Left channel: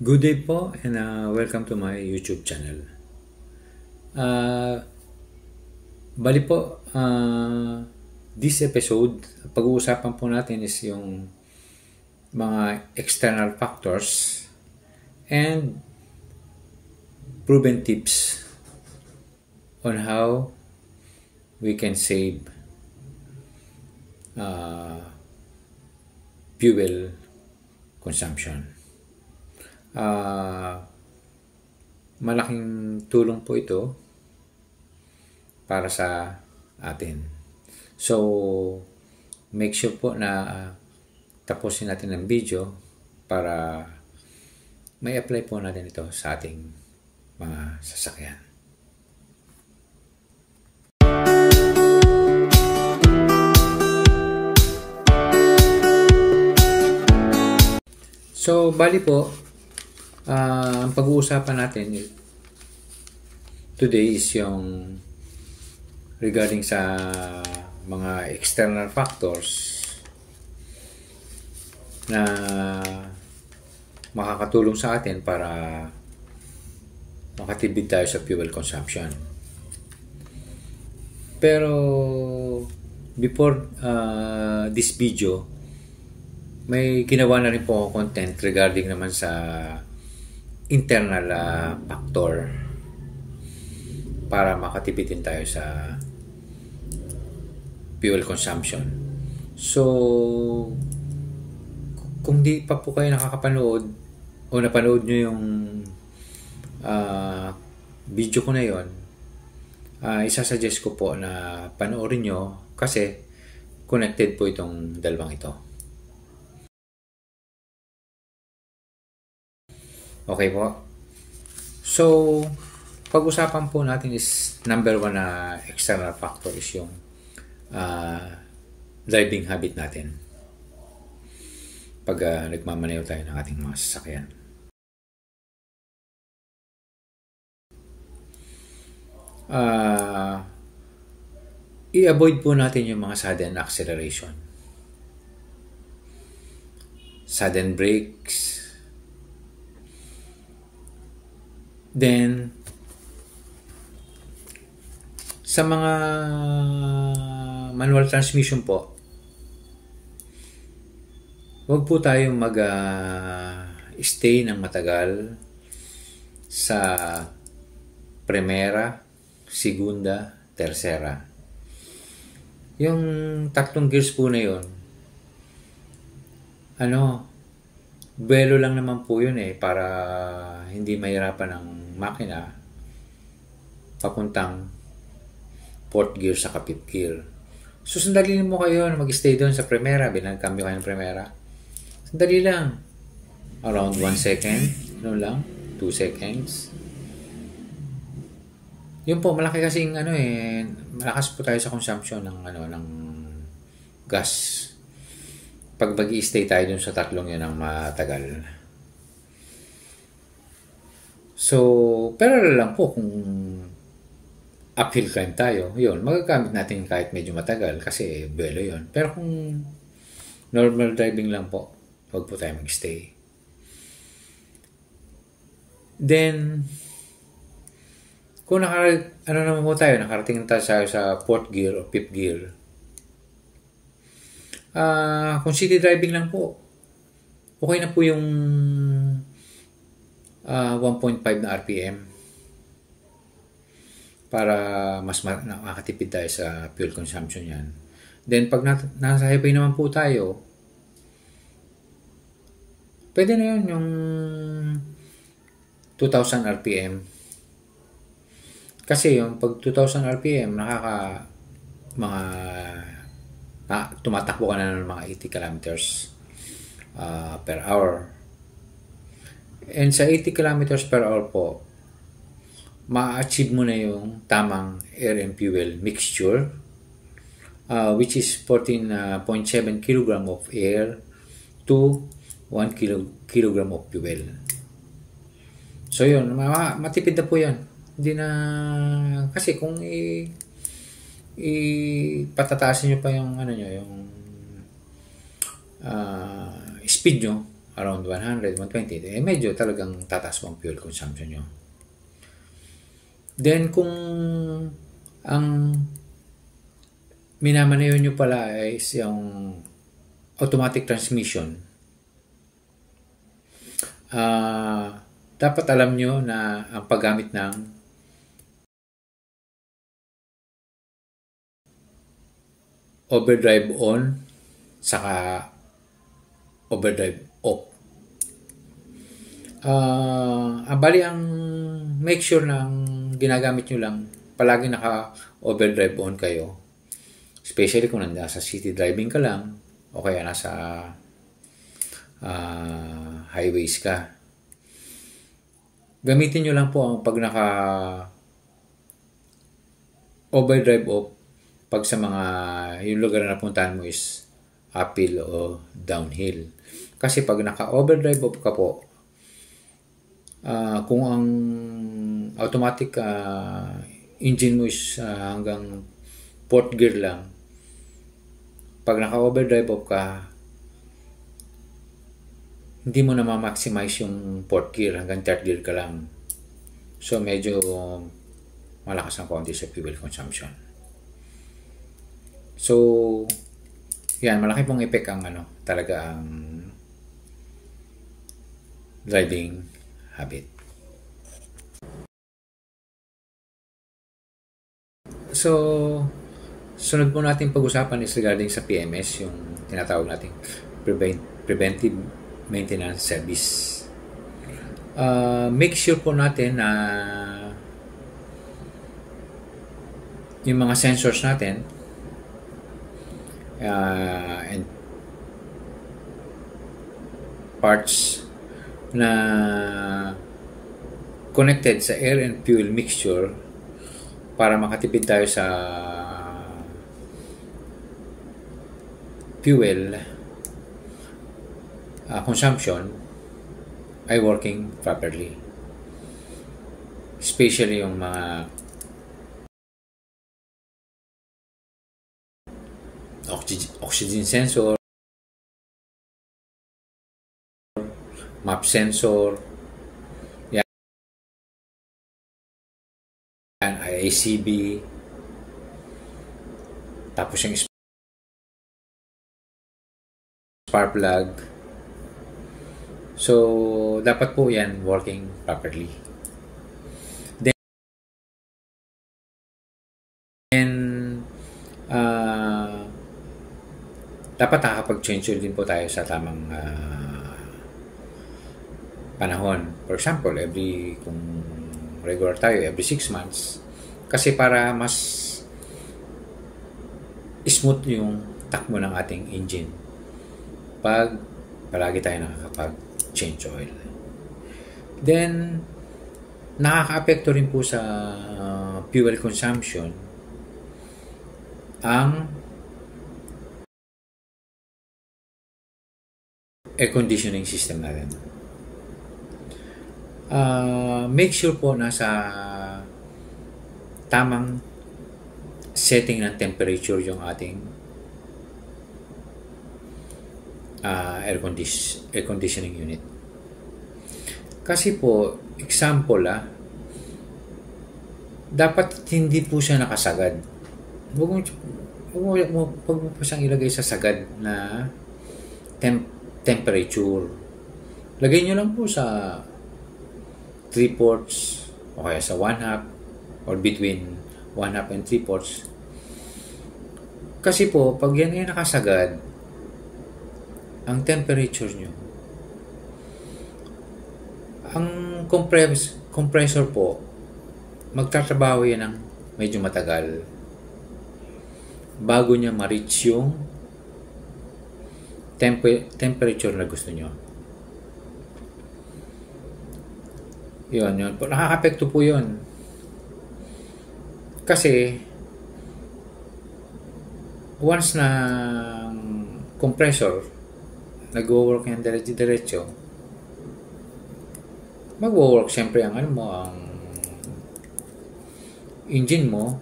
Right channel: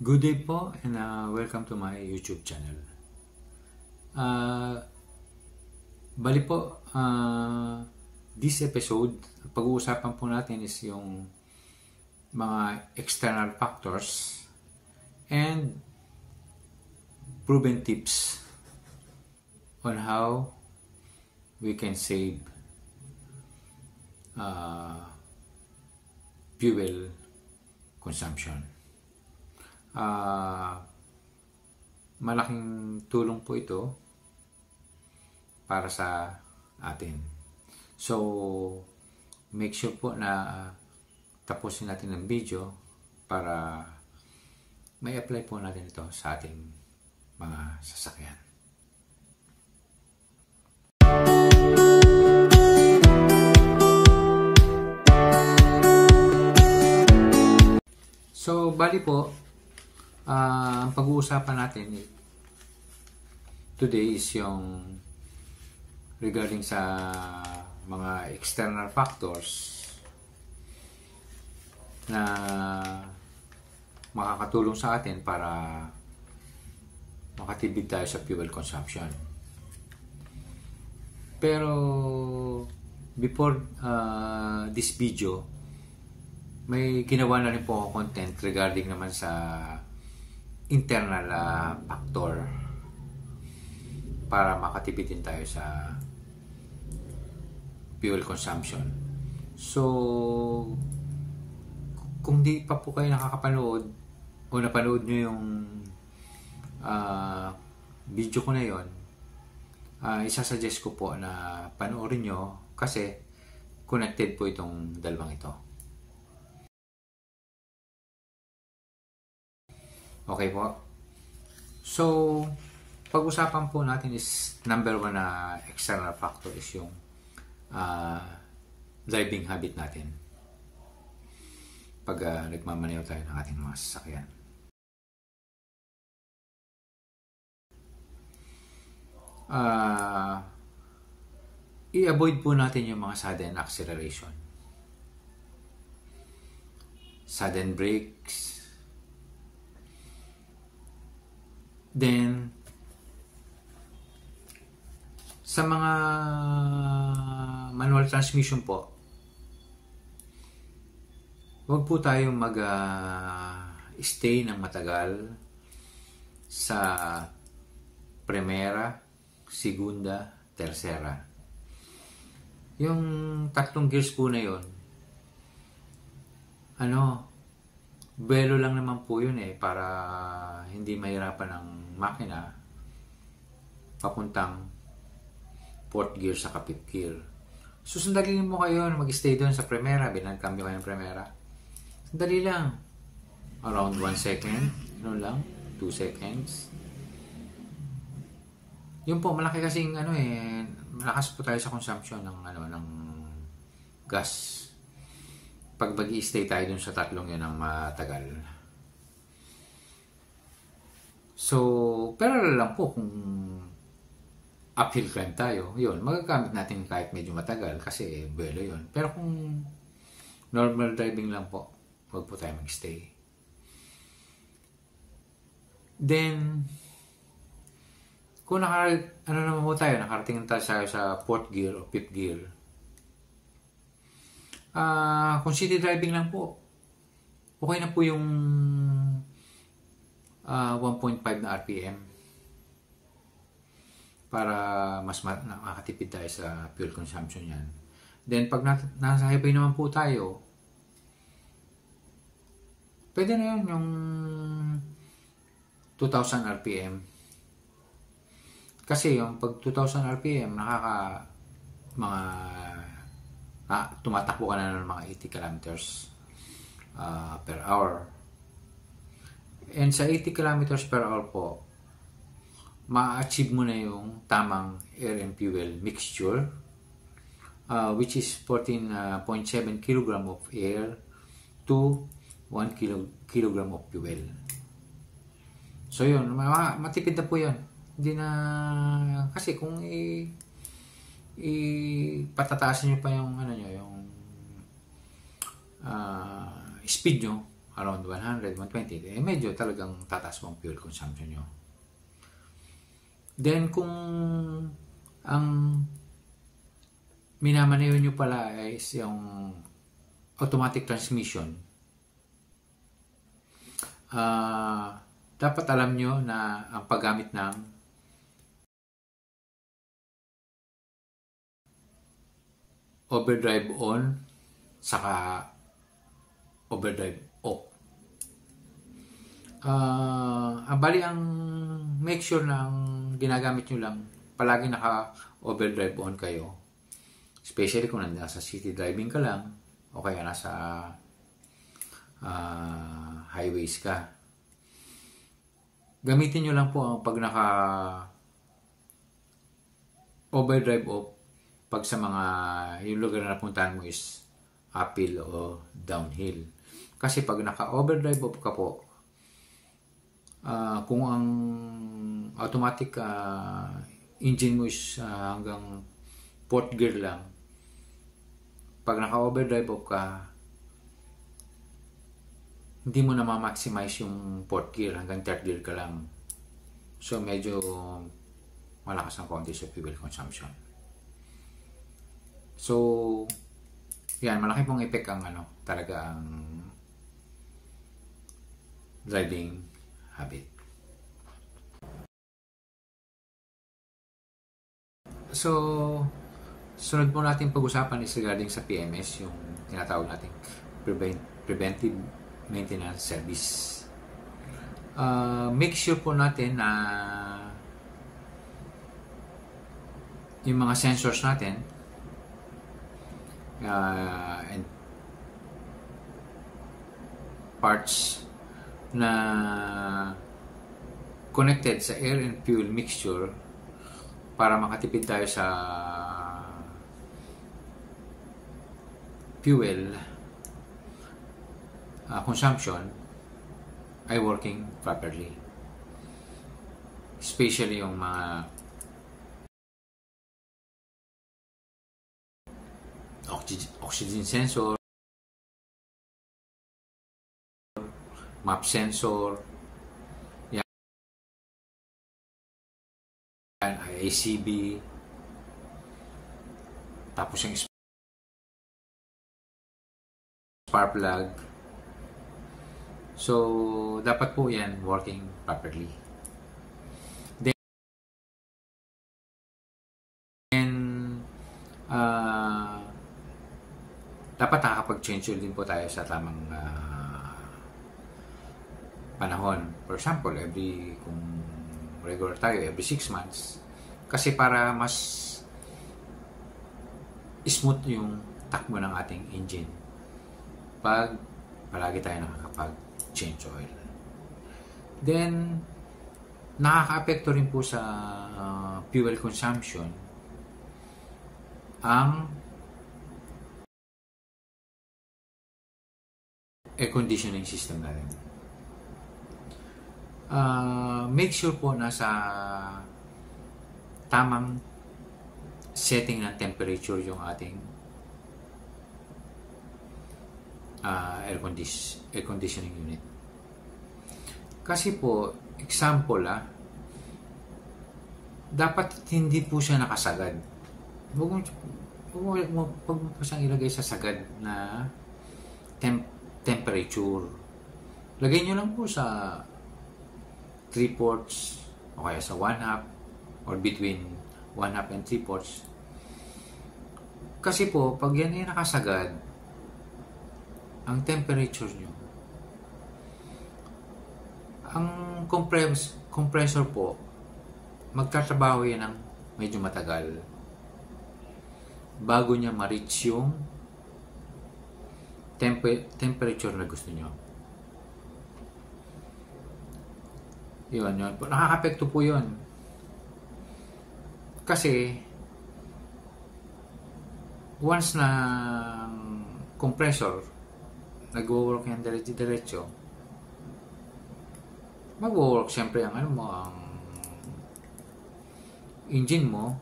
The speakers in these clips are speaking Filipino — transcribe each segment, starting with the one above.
Good day po and welcome to my YouTube channel. Bali po, this episode, pag-uusapan po natin is yung mga external factors and proven tips on how we can save fuel consumption. Malaking tulong po ito para sa atin. So, make sure po na tapusin natin ang video para may apply po natin ito sa ating mga sasakyan. So, bali po, ang pag-uusapan natin today is yung regarding sa mga external factors na makakatulong sa atin para makatipid tayo sa fuel consumption. Pero before this video, may ginawa na rin po ako content regarding naman sa internal factor para makatipid din tayo sa fuel consumption. So, kung di pa po kayo nakakapanood o napanood nyo yung video ko na yon, isasuggest ko po na panoorin nyo kasi connected po itong dalawang ito. Okay po. So, pag-usapan po natin is number one na external factor is yung driving habit natin pag nagmamaneho tayo ng ating mga sasakyan. I-avoid po natin yung mga sudden acceleration, sudden brakes. Then, sa mga manual transmission po, huwag po tayong mag-stay ng matagal sa primera, segunda, tercera. Yung tatlong gears po na yun, belo lang naman po yun para hindi mahirapan ng makina papuntang 4th gear sa 5th gear. So, sandali mo kayo na mag-stay doon sa primera, binagkambyo kayo ng primera. Sandali lang. Around 1 second, 2 seconds. Yun po, malaki kasing malakas po tayo sa consumption ng gas. Pag mag-i-stay tayo dun sa tatlong yun ng matagal. So, pero lang po kung uphill climb tayo, yun, magagamit natin kahit medyo matagal kasi belo yun. Pero kung normal driving lang po, huwag po tayo mag-stay. Then, kung nakarating tayo sa 4th gear o 5th gear, kung city driving lang po, okay na po yung 1.5 na RPM para mas makakatipid tayo sa fuel consumption yan. Then pag nasa highway naman po tayo, pwede na yun yung 2,000 RPM. Kasi yung pag 2,000 RPM, tumatakbo ka na ng mga 80 kilometers per hour. And sa 80 kilometers per hour po, ma-achieve mo na yung tamang air and fuel mixture, which is 14.7 kg of air to 1 kg of fuel. So yun, matipid na po yan. Hindi na, kasi kung patataasin nyo pa yung yung speed nyo, around 100, 120, medyo talagang tataas mo ang fuel consumption nyo. Then, kung ang minamaneho nyo pala is yung automatic transmission, dapat alam nyo na ang paggamit ng overdrive on saka overdrive off. Bali ang make sure na ang ginagamit nyo lang palagi naka overdrive on kayo, especially kung nasa city driving ka lang o kaya nasa highways ka. Gamitin nyo lang po ang pag naka overdrive off pag sa mga yung lugar na napuntahan mo is uphill o downhill. Kasi pag naka overdrive off ka po, kung ang automatic engine mo is hanggang 4th gear lang, pag naka overdrive off ka, hindi mo na ma-maximize yung 4th gear, hanggang 3rd gear ka lang. So medyo malakas ang konti sa fuel consumption. So yan, malaki pong effect ang talaga ang driving habit. So sunod po natin pag-usapan is regarding sa PMS, yung tinatawag nating preventive maintenance service. Make sure po natin na yung mga sensors natin and parts na connected sa air and fuel mixture para makatipid tayo sa fuel consumption ay working properly, especially yung mga oxygen sensor, map sensor, yan, IACB, tapos yung spark plug. So dapat po yan working properly. Then dapat nakakapag-change din po tayo sa tamang panahon. For example, kung regular tayo, every 6 months. Kasi para mas smooth yung takbo ng ating engine pag palagi tayo nakakapag-change oil. Then, nakaka-apekto rin po sa fuel consumption ang air conditioning system natin. Make sure po na sa tamang setting ng temperature yung ating air conditioning unit. Kasi po, example dapat hindi po siya nakasagad. Huwag mo po siyang ilagay sa sagad na temperature. Lagay nyo lang po sa 3/4 o kaya sa 1/2 or between 1/2 and 3/4. Kasi po, pag yan ay nakasagad, ang temperature nyo, ang compressor po, magtatrabaho yan ng medyo matagal bago niya ma-reach yung temperature na gusto nyo. Yun. Nakaka-apekto po yun. Kasi, once na compressor, nag-work yan diretso, mag-work siyempre ang ang engine mo,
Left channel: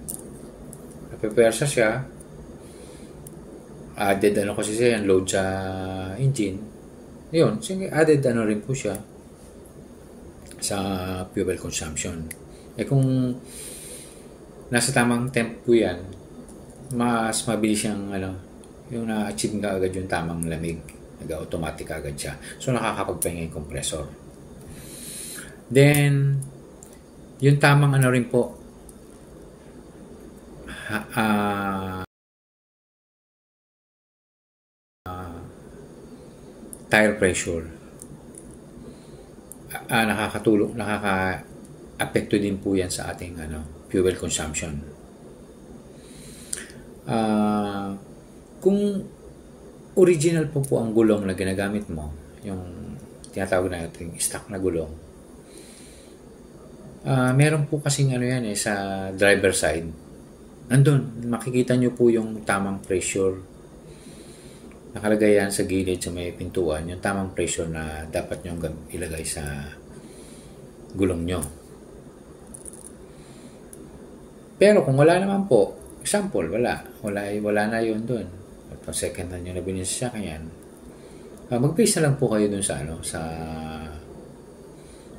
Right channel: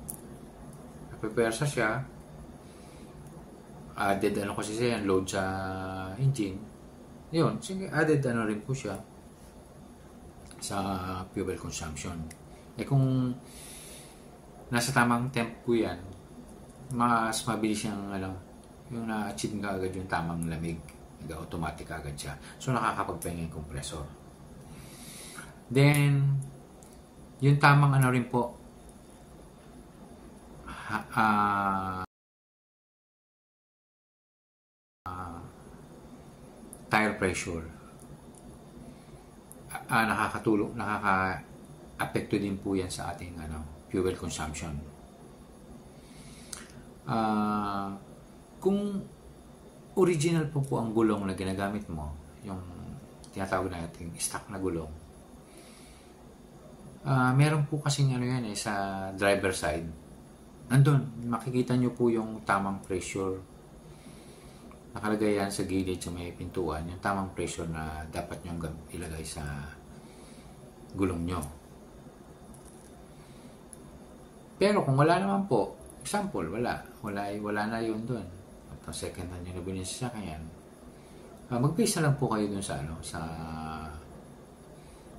napepersa siya, added kasi siya yan, load sa engine, Yun, sige, added ano rin po siya sa fuel consumption. Kung nasa tamang temp po yan, mas mabilis siyang yung na-achieve ka agad yung tamang lamig. Nag-automatic agad siya. So, nakakapagpahinga yung compressor. Then, yung tamang rin po, tire pressure. Nakaka-apekto din po yan sa ating fuel consumption. Kung original po ang gulong na ginagamit mo, yung tinatawag natin stock na gulong, meron po kasing yan sa driver side. Andun, makikita nyo po yung tamang pressure. Nakalagay yan sa gilid sa may pintuan, yung tamang pressure na dapat nyo ilagay sa gulong nyo. Pero kung wala naman po, example, wala na yun dun. At second hand nyo na binili sa sakyan, mag-base na lang po kayo dun sa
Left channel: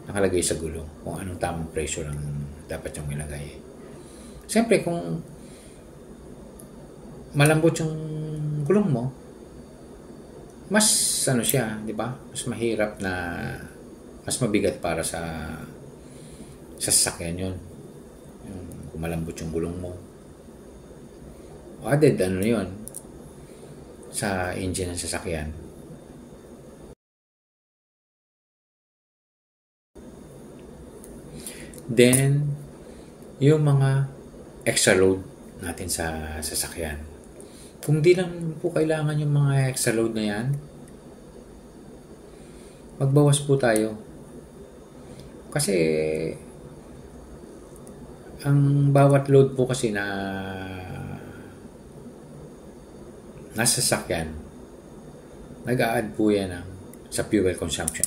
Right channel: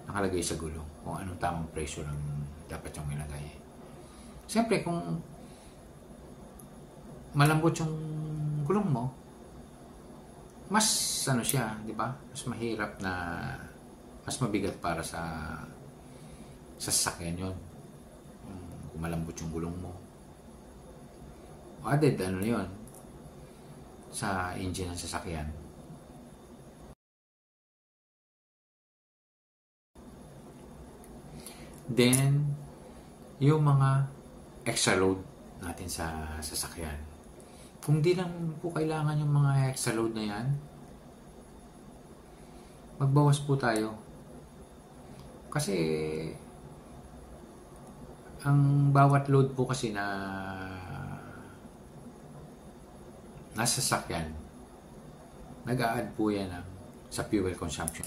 nakalagay sa gulong, kung anong tamang pressure ang dapat yung ilagay. Siyempre, kung malambot yung gulong mo, mas siya, di ba? Mas mahirap mas mabigat para sa sasakyan yun. Kung malambot yung gulong mo. Added yun sa engine ng sasakyan. Then, yung mga extra load natin sa sasakyan. Kung di lang po kailangan yung mga extra load na yan, magbawas po tayo. Kasi, ang bawat load po kasi na nasa sasakyan, nag-a-add po yan sa fuel consumption.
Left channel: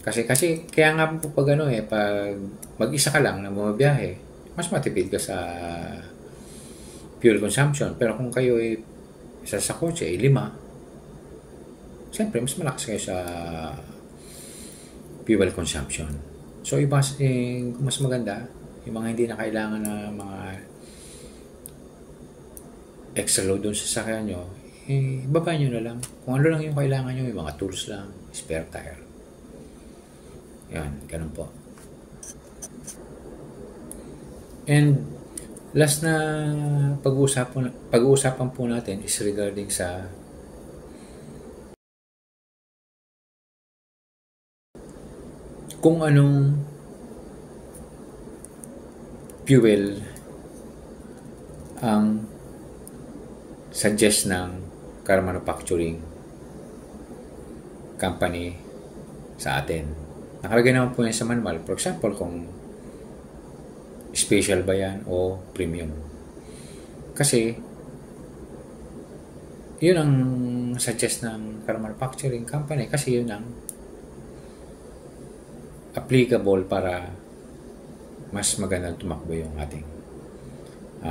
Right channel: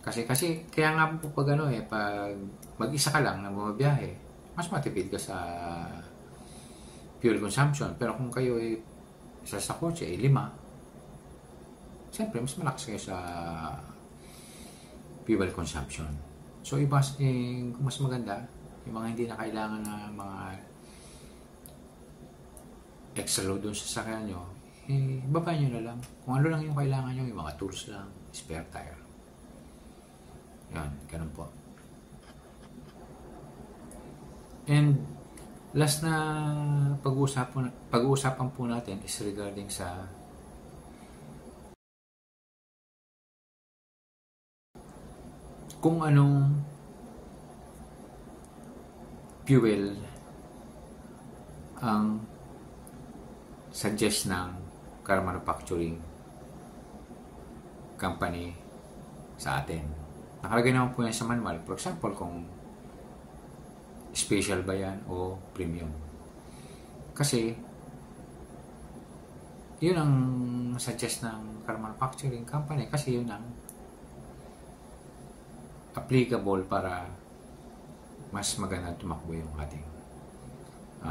Kasi kaya nga po pag pag mag-isa ka lang na bumabiyahe, mas matipid ka sa fuel consumption. Pero kung kayo isa sa kotse 5, siyempre mas malakas kayo sa fuel consumption. So mas maganda yung mga hindi na kailangan na mga extra load doon sa sasakyan nyo, baba nyo na lang. Kung ano lang yung kailangan nyo, yung mga tools lang, spare tire. Yan, ganun po. And last na pag-uusapan po natin is regarding sa kung anong fuel ang suggest ng car manufacturing company sa atin. Nakalagay naman po yan sa manual. For example, kung special ba yan o premium. Kasi, yun ang suggest ng car manufacturing company kasi yun ang applicable para mas magandang tumakbo yung ating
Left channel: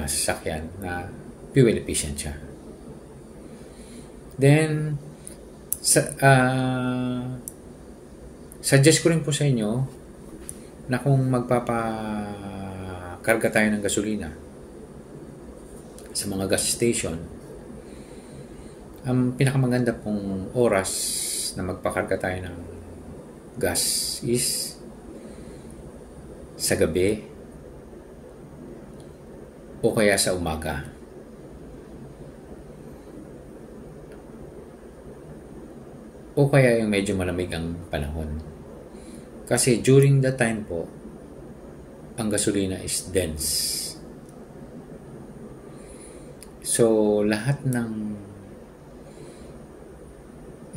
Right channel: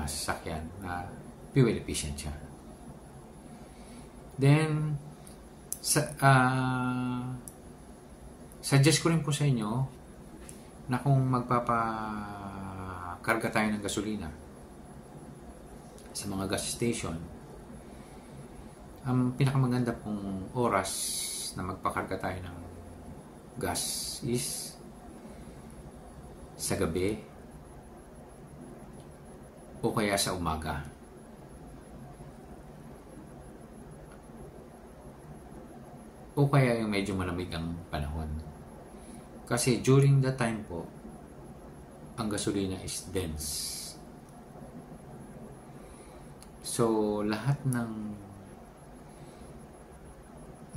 sasakyan na fuel efficient siya. Then, suggest ko rin po sa inyo na kung magpapakarga tayo ng gasolina sa mga gas station, ang pinakamaganda pong oras na magpakarga tayo ng gas is sa gabi o kaya sa umaga. O kaya yung medyo malamig ang panahon. Kasi during that time po, ang gasolina is dense. So, lahat ng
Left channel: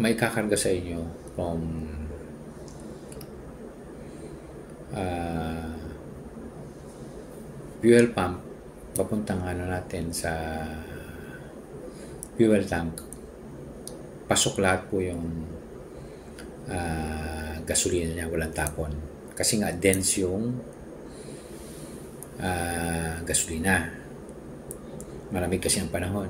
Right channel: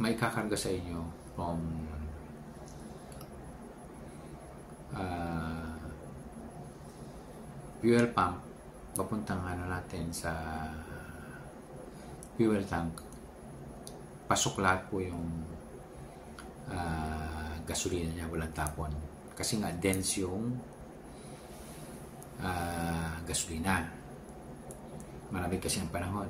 may kakarga sa inyo from fuel pump papuntang natin sa fuel tank, pasok lahat po yung gasolina niya, walang tapon. Kasi nga dense yung gasolina. Malamig kasi ang panahon.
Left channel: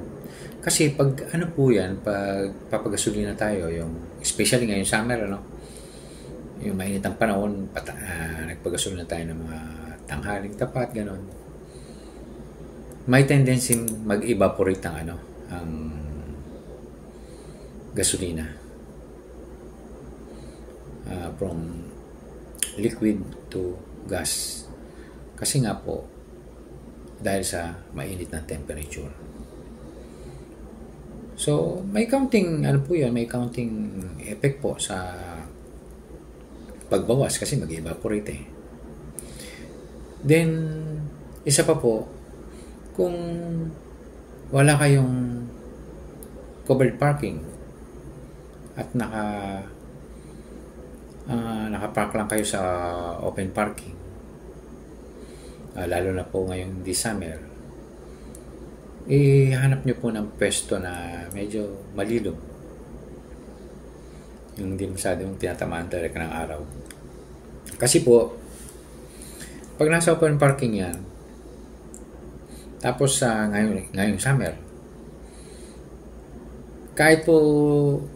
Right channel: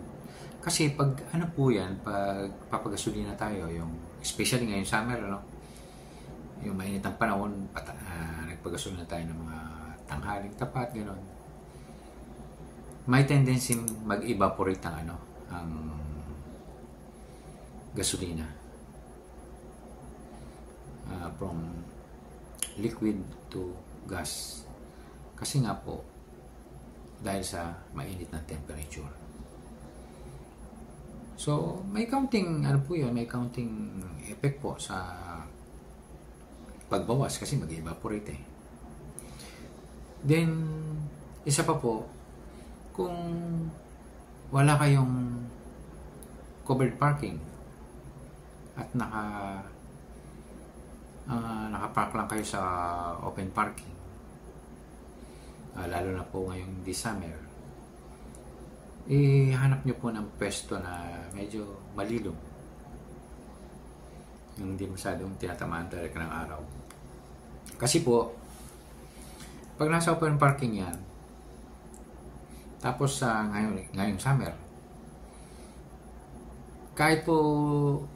Kasi pag ano po yan, pag papagasolina tayo, yung especially ngayong summer, ano, yung mainit ang panahon, nagpagasolina tayo ng mga tanghaling tapat, ganon. May tendency mag-evaporate ang ano, ang gasolina. From liquid to gas. Kasi nga po, dahil sa mainit na temperature. So, may counting, ano po yun, may counting effect po sa pagbawas kasi mag-evaporate eh. Then, isa pa po, kung wala kayong covered parking at nakapark lang kayo sa open parking, lalo na po ngayong this summer, hanap nyo po ng pwesto na medyo malilom, yung hindi masyadong tinatamaan talaga ng araw. Kasi po, pag nasa open parking yan, tapos ngayong summer, kahit po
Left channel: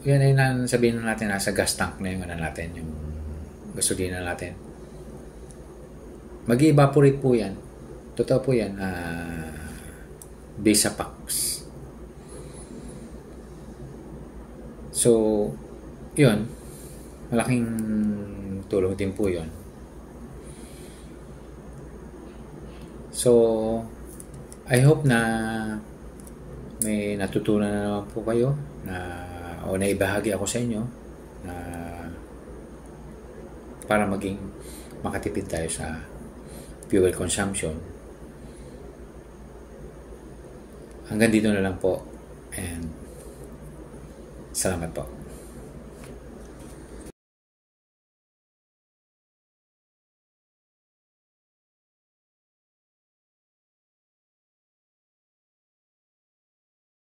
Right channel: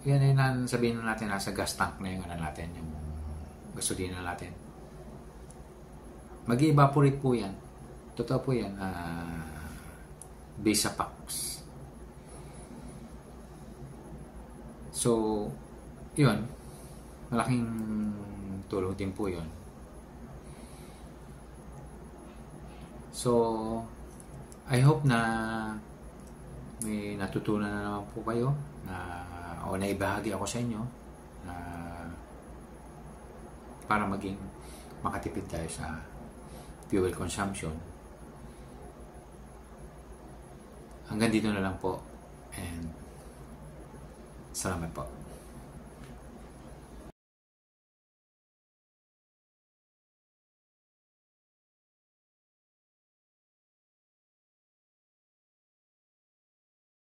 yan ay sabihin natin nasa gas tank na yung natin, yung gasolina natin, mag-evaporate po yan. Totoo po yan, based sa packs. So, yun, malaking tulong din po yun. So, I hope na may natutunan na naman po kayo o naibahagi ako sa inyo na para maging makatipid tayo sa fuel consumption. Hanggang dito na lang po, and salamat po.